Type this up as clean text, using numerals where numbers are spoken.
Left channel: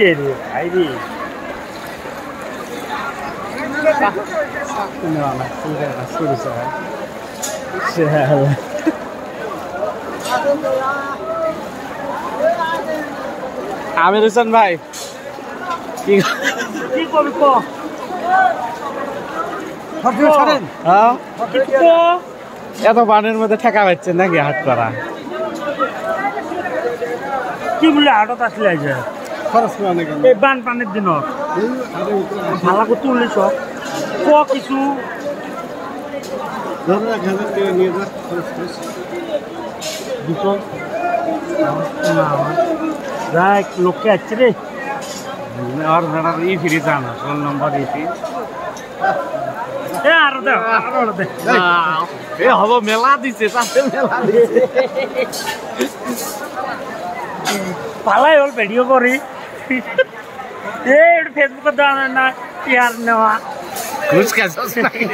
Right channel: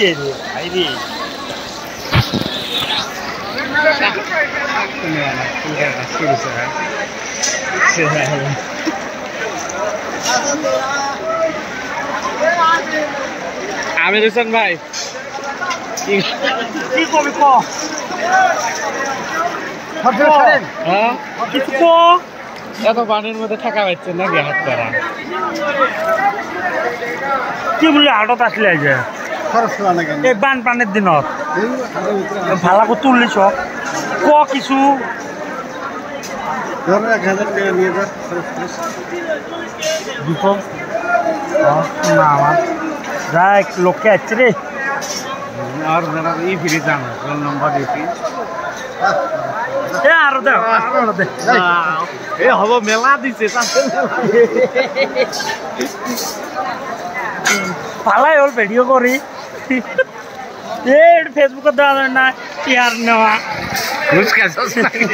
কে রে ভাই রে আমির হোসেন ভাই কি করবি ক হ্যাঁ কিছু ক এত পানির মধ্যে ঠেকা পাচ্ছেন নাকি হাত করা কি বলে আটত আসলে আগে খরচ করা নাকি এই বান পানের দিনত ভালো করে তুললিছ ক কিছু ধরো 1000 টাকা নিয়ে যা খরচ করিস দুটো না আমার দেখ লোককে আসছে রে আর যারা ই ফ্রি জানা রোল নম্বর ইপি এ আরো দে আরো দে এ হব মেলা দিছে তাতে মেলা পালাই হল ভিডিও করি এ ফেসবুকে দেওয়া না ইয়ার নেওয়া ঘুষ খাইছস নাকি